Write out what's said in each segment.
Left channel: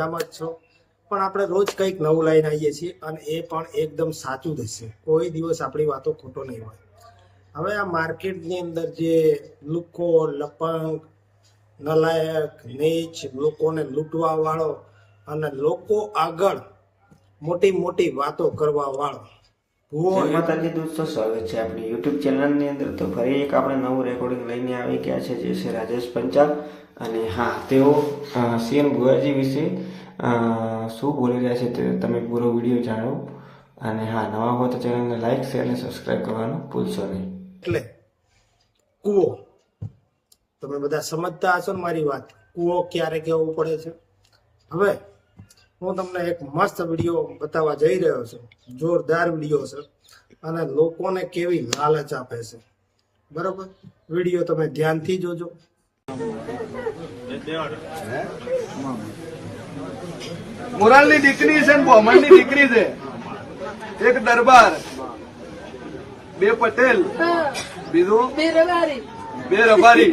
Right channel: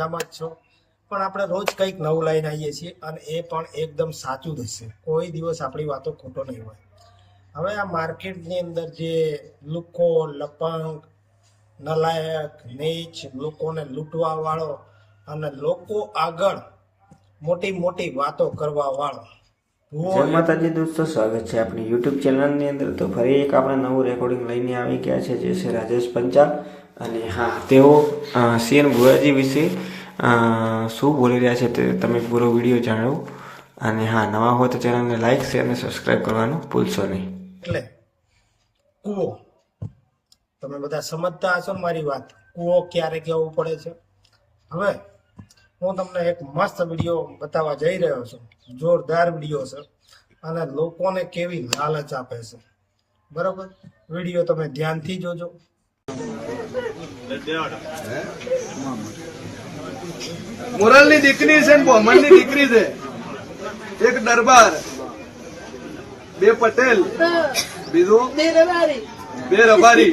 મજામાં જ છો. પણ આપણે રોજ કંઈક નવું લઈને આવીએ છીએ અને એ પણ એકદમ સાચું જ હશે કોઈ દિવસ આપણી વાતો ખોટો નહીં હોય. હવે આ માર્કેટની અંદર જે લુકો લપંગ નલાયક નીચ લોકોને લૂંટવાવાળો અને લોકો આગળ મોટી મોટી વાતો કરવાવાળો જય માતાજી દોસ્તો સ્વાગત છે આપણી યુટ્યુબ ચેનલની અંદર. તો ફરી એક આપણે નવું રેકોર્ડિંગ લઈને આવી ગયા છે. જે છે રાજેશ પંચાલ. અને હા, તેઓ સીએન ભુવાજી વિશે શું બોલી રહ્યા છે તે તમે પૂરો વીડિયો જાણો. અને હા, નવા હો તો ચેનલને લાઈક, શેર અને સબસ્ક્રાઇબ કરવાનું ભૂલશો નહીં. એટલે, કૂવો. તમે બધા સમજતા હશો ને મારી વાત. કૂવો ક્યારે કેવું પડે છે? હવે, હું તમને એક મસ્ત વીડિયો બતાવવા જઈ રહ્યો છું. જોરદાર વીડિયો છે. અને લોકોને કેવી લાલચ આપે છે. બરોબર? વીડિયો તમે ધ્યાનથી જોજો. મોરાલની દીકરી છે ને બોમણની દીકરી છે. એક દરબાર બે પટેલ બીજું? બે રબારી.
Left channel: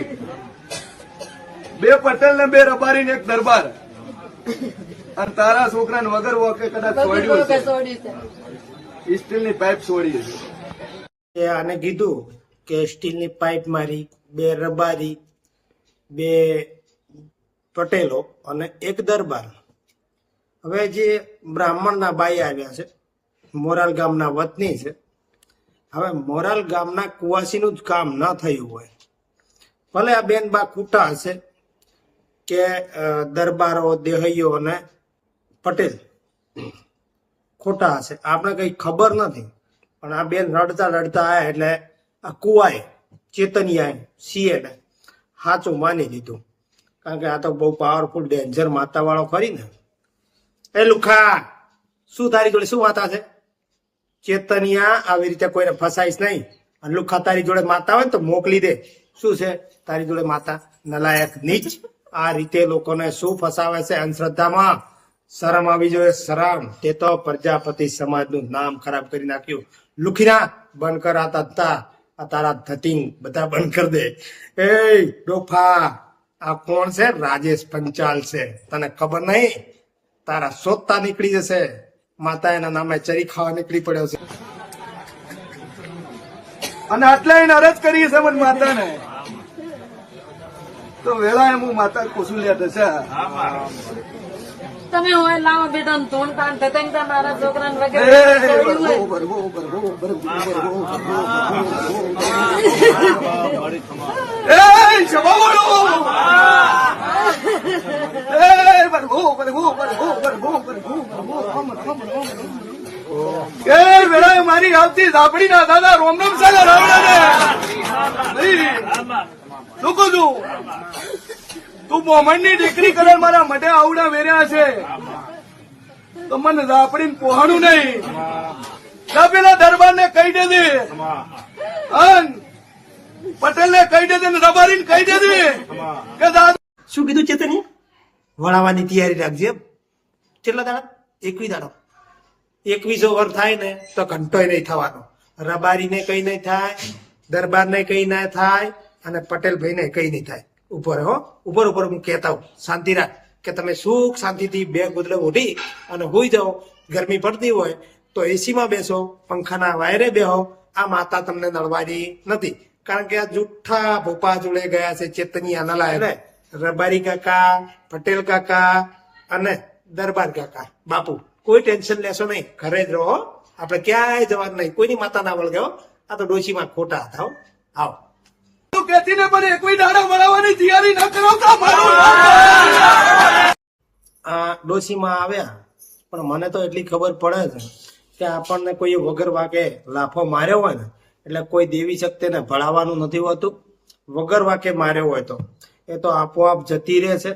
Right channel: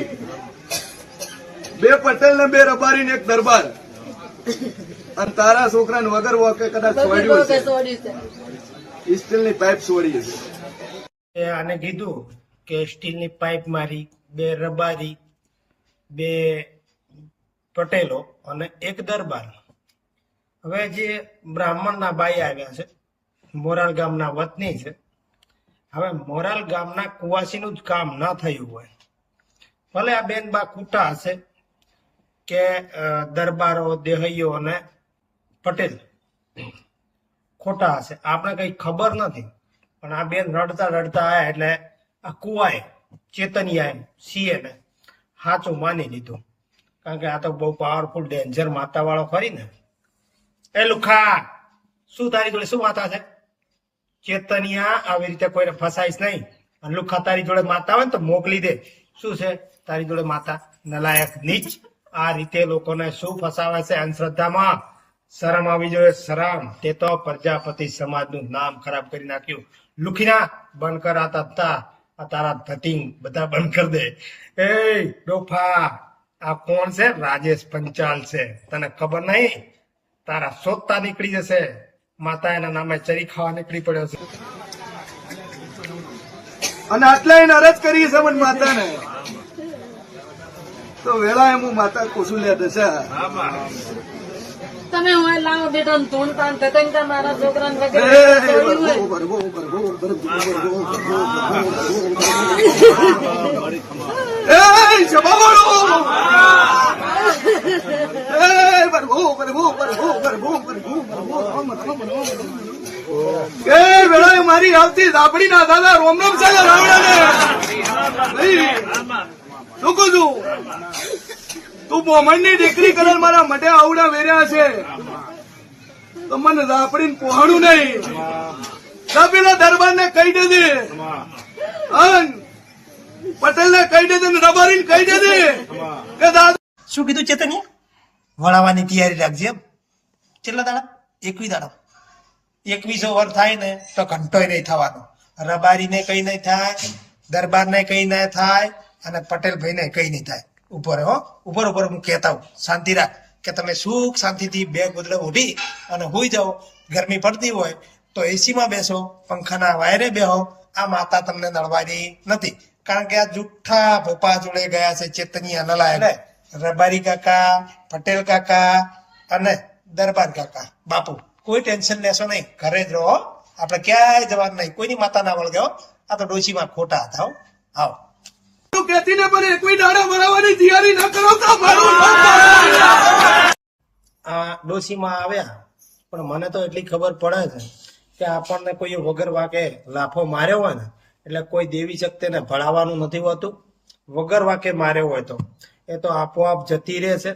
બે પટેલ ને બે રબારી ને એક દરબાર. અને તારા છોકરાને વગર વોકે કદાચ છોડ્યું છે. સ્ટીલની પાઇપ છોડી છે એ આને કીધું કે સ્ટીલની પાઇપ મારી બે રબારી બે પટેલો અને એક દરબાર. હવે જે બ્રાહ્મણના બાઈ આવ્યા છે, મોરાલ ગામના વતની છે, હવે મોરાલ ગામના કુવાસીનું જ કામ ન થયું હોય, ભલે આ બેન બા ખૂટા હશે કે દરબારો, દેહૈયો અને પટેલ ખોટા હશે, આપણે કઈ ખબર નથી. પણ આ બેન રડતા રડતા આવ્યા એટલે આ કુવાએ ચેતનિયાએ સીએ ને સાચું માની લીધું. કારણ કે આ તો બહુ પાવરફુલ ડેન્જર માતા વાળો ખરી ને. એ લુખા, શું તારી જોડે શું માતા છે? ચેતનિયા આવી રીતે કોઈને ફસાઈશ નહીં. અને લુખા તારી જોડે માતા હોય ને તો મોકલી દે. શું છે? તારી જોડે માતા નલાયક નીચ. આ રીતે લોકોને શું ફસાવે છે અંધશ્રદ્ધામાં? શરમ આવી જોઈએ, શરમ. તે તો પ્રજાપતિ સમાજનું નામ ખરાબ કરી નાખ્યું. લુખીના, બંધ કરાતા તત્તા આ તારા ધતિંગ બધા બંધ કરી દે. એ ડોફા, આ કોણ છે? રાજેશ પંચાલ છે. તને ખબર નહીં? તારા શોધતા નીકળી જશે. માતા એના નામે ચરી ખાવા નીકળી પડ્યો છે. અને આટલા એને અરજ કરી છે મને માતાને. તો વેળા હું માતા કોસુલ્યા દશા. તમે હોય લાવો બેટા ધૂન તાન તતંગ મારા વગેરે વેળાએ મારી આવતી દાબડીના દાદા રોમ રોમ છે રાવણાને શું દીકરી કલર મારા મઢે આવડા વેર્યા છે. તો મને રાપડીને પહોણું નહીં. કપિલા દરબારને કહી દેજે. પટેલને કહી દેજે ને રબારીને કહી દેજે કે દાદા શું કીધું ચેતની વળાવવાની તૈયારી રાખજે કેટલા દાડા? એકવીસ દાડા. એકવીસો વર થાય ને તો ઘંટોય નહીં થવાનો. રબારીને કઈ નહીં થાય. દરબારને કઈ ના થાય અને પટેલ ભાઈને કઈ નહીં થાય. ઉપર હો ઉપર ઉપર હું કહેતા હું શાંતિ રાખ કે તમે સુખ શાંતિથી બે ગુદડે ઉઠી અને હોઈ જાઓ. ગરમી પડતી હોય તો એસીમાં બેસો પંખાના વાયરે બેહો. આ માતા તમને નડવાની નથી. કારણ કે આ જુઠ્ઠા ભોપા જોડે ગયા છે ચેતની અનલા એટલે. રબારી કાકા પટેલ કાકા અને દરબાર કાકા. બાપુ કોઈ ટેન્શન લેશો નહીં. ઘરે જ રહો આપણે ક્યાંય જવાનું નહીં. કોઈની માતા ના વળગે હો. આ તો ડોશીમાં ખોટા હતા આવો. તું પણ એકવી દાડા બનાવવાની તૈયારી ન કરાવતા મારું આ ડોશીમાં આવ્યા પણ મને તો એટલી ખબર પડે છે કે આપણને કોઈ વગર વાકે લાફો માર્યો હોય ને એટલે કોઈ દેવી શક્તિને ભળાવવાનું નથી હોતું. વગર વાકે માર્યો હોય તો. એ તો આપોઆપ જતી રહે છે.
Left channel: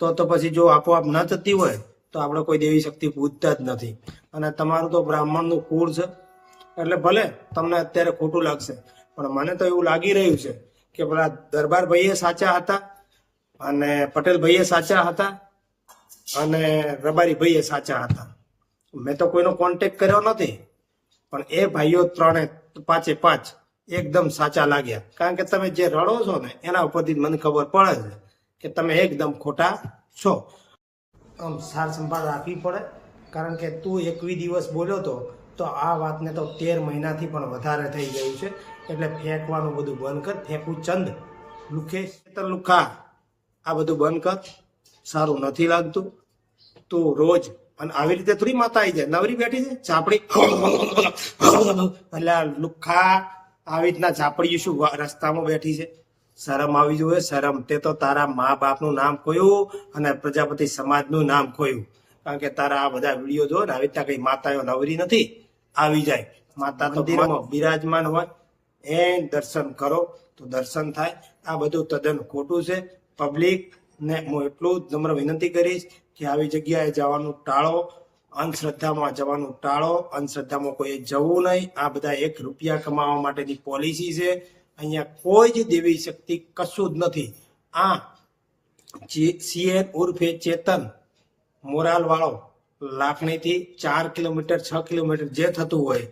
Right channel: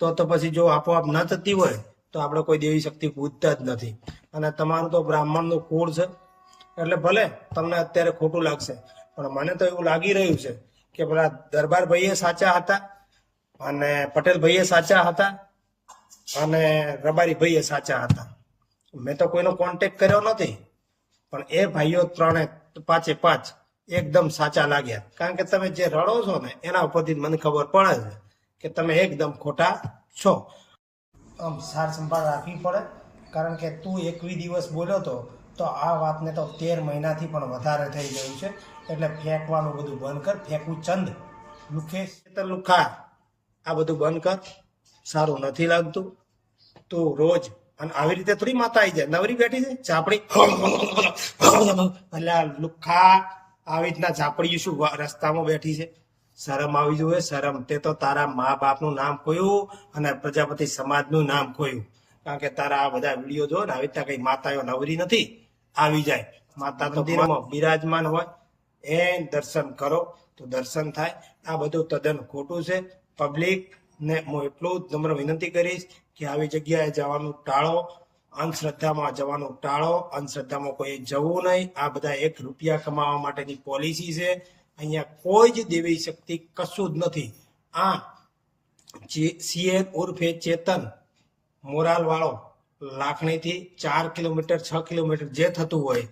તો તો પછી જો આપોઆપ ન જતી હોય તો આપણે કોઈ દેવી શક્તિ પૂજતા જ નથી. અને તમારું તો બ્રાહ્મણનું કુળ છે. એટલે ભલે તમને અત્યારે ખોટું લાગશે, પણ મને તો એવું લાગી રહ્યું છે કે પેલા દરબાર ભાઈએ સાચા હતા અને પટેલ ભાઈએ સાચા હતા અને રબારી ભાઈએ સાચા હતા. મેં તો કોઈનો કોન્ટેક્ટ કર્યો નથી, પણ એ ભાઈઓ ત્રણે પાંચે પાંચ એકદમ સાચા લાગ્યા. કારણ કે તમે જે રડો છો ને, એના ઉપરથી મને ખબર પડે છે કે તમે એકદમ ખોટા છો. આમ સાર સંભાળ રાખવી પડે, કારણ કે તું એકવી દિવસ બોલ્યો તો તો આ વાતને તો તેર મહિનાથી પણ વધારે થઈ ગયું છે. એટલે ફેંકવાનું બધું બંધ કર. ફેંકવું ચંદ. લુખેશ તો લુખા આ બધું બંધ કર. સારું નથી લાગતું. તું રોજ અને આવી રીતે થોડી માતા આવી જાય. નવરી બેઠી છે. ચાપડી એટલે લુખા. આવી રીતના ચાપડી શું રસ્તામાં બેઠી છે. શરમ આવી જોઈએ. શરમ તે તો તારા મા બાપનું નામ કોયું અને પ્રજાપતિ સમાજનું નામ કોયું કારણ કે તારા આ બધા વીડિયો જો ને આવી રીતના કઈ માતાઓ નવરી નથી. આવી જાય. માતા મંદિરમાં. બિરાજમાન હોય. એ દર્શન કરો તો દર્શન થાય. આ બધું તદ્દન ખોટું છે. પબ્લિક ને હું એટલું જ નમ્ર વિનંતી કરીશ કે આવી જગ્યાએ જવાનું ટાળો. અંધશ્રદ્ધામાં જવાનું ટાળો. અંધશ્રદ્ધામાં કોઈ જવું નહીં. આ બધા એક રૂપિયા કમાવા માટેની પોલિસી છે. અહીંયા કોઈ જ દેવી શક્તિ કશું જ નથી. આ સીએન ઉર્ફે ચેતન મોરાલ વાળો લાખણીથી ચાર કિલોમીટર, છ કિલોમીટર જે થતું હોય,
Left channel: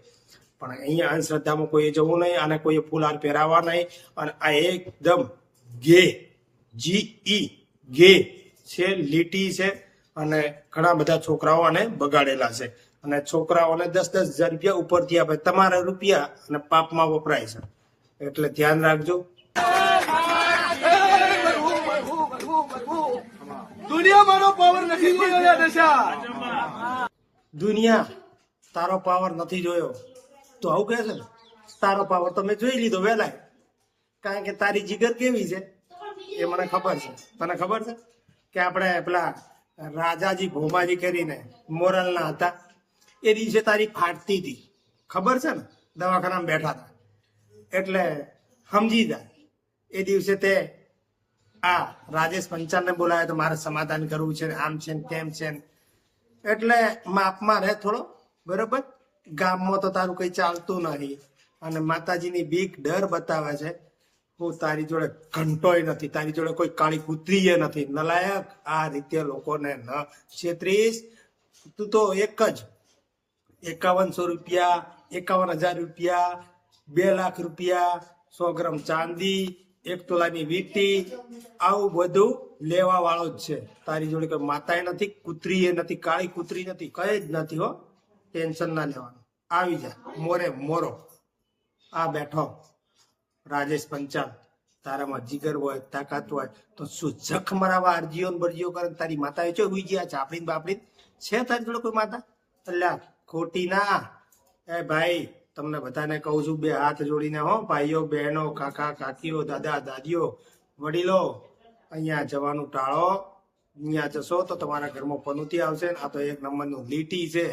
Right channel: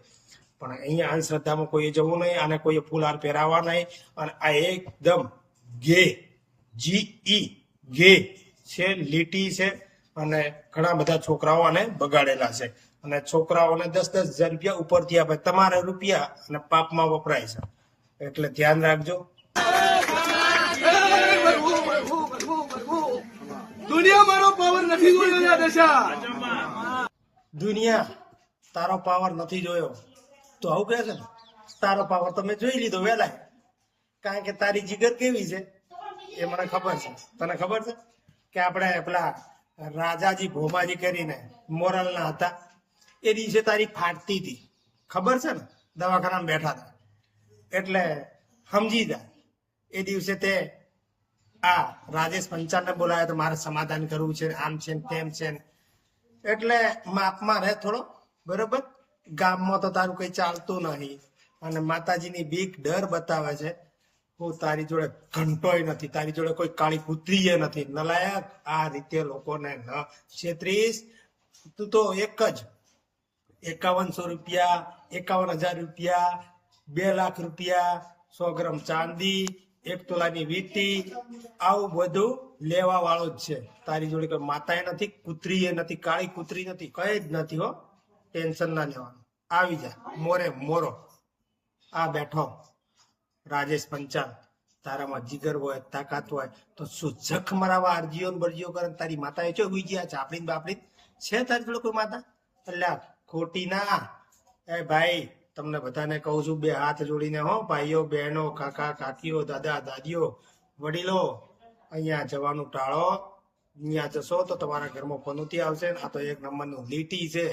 પણ અહીંયા અંધશ્રદ્ધામાં કોઈ જવું નહીં અને કોઈએ ફૂલહાર પહેરાવા નહીં. અને આ એકદમ ગે, જી ઈ, ગે છે, લીટી છે અને ઘણા બધા છોકરાઓ આને બગાડેલા છે. અને છોકરાઓને દસ દસ હજાર રૂપિયા ઉપરથી આપે. તમારા રૂપિયા અને પાપમાં વપરાય છે. એટલે ધ્યાન રાખજો. દુનિયા મારો પાવર નથી દશા દુનિયા તારો પાવર નથી જોયો. તો આવું કહે છે ને? તારો પાવર તો મેં જોઈ લીધો વહેલા કારણ કે તારી જીગર કેવી છે? એ મને ખબર છે. તને ખબર છે? કે આપણે પેલા રાજાજી ભોમાજી કરીને મોરલના હતા. એ દિવસે તારી ફાટતી હતી. ખબર છે ને? દવાખાનામાં બેઠા હતા. એટલે સમજી જા. એ દિવસે તે આ રાજેશ પંચાલને બોલાવ્યો તો મારે સમાધાન કરવું છે. આમ છે તેમ છે એટલે માપમાં રહે થોડો, બરોબર? ગામમાં તો તારું કઈ ચાલતું નહીં. અને માતાજીની બીક ડર બતાવે છે. હું તારી જોડે ઘંટોય નથી, તારી જોડે કોઈ કાળી કૂતરીએ નથી. નલાયક આ રીતે લોકોને ન છેત્રીસ તું તો એક જ. એકાવનસો રૂપિયા, એકાવન હજાર રૂપિયા, બે લાખ રૂપિયા, સો ગ્રામ ચાંદી એક તોલાની વીટી, આવું બધું લેવા વાળો જ છે. તારી જોડે કોઈ માતાએ નથી, કૂતરીએ નથી, કાળી કૂતરી નથી, કઈ જ નથી હો. ટેન્શન ના લેવાનું. આવી જા. મોરે મોરો. આ બેઠો. રાજેશ પંચાલ. તારામાં જીગર હોય, તાકાત હોય, તો શું જખ મરાવા અરજીઓ બરજીઓ કરે તારી તારી માતાએ ચો ઉઈ ગયા છે? આપણી બાપડી છે તારી જોડે કોઈ માતા? અલ્યા, ખોટી ના. એ ભાઈ તમને બધાને કહું છું બે હાથ જોડીને હો ભાઈઓ બહેનો કાકા કાકીઓ દાદા દાદીઓ વડીલો અહીંયા જવાનું ટાળો અહીંયા જશો તો તમારા ઘરમાં પનોતી આવશે ને આ તો એક નંબરનું લીટી છે.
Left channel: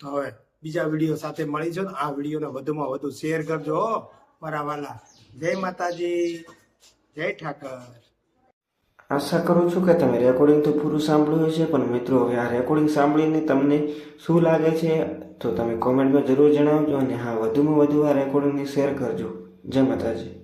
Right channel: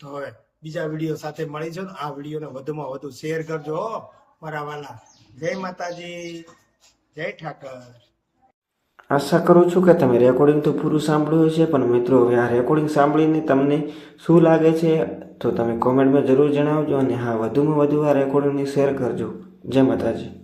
તો હવે બીજા વીડિયો સાથે મળીશું ને આ વિડીયોને વધુમાં વધુ શેર કરજો હો, મારા વાલા. જય માતાજી જય ઠાકર. આશા કરું છું કે તમે રેકોર્ડિંગ તો પૂરું સાંભળ્યું હશે, પણ મિત્રો, હવે આ રેકોર્ડિંગ સાંભળીને તમને શું લાગે છે, તો તમે કોમેન્ટમાં જરૂર જણાવજો અને હા, વધુમાં વધુ આ રેકોર્ડિંગને શેર કરજો. જય માતાજી.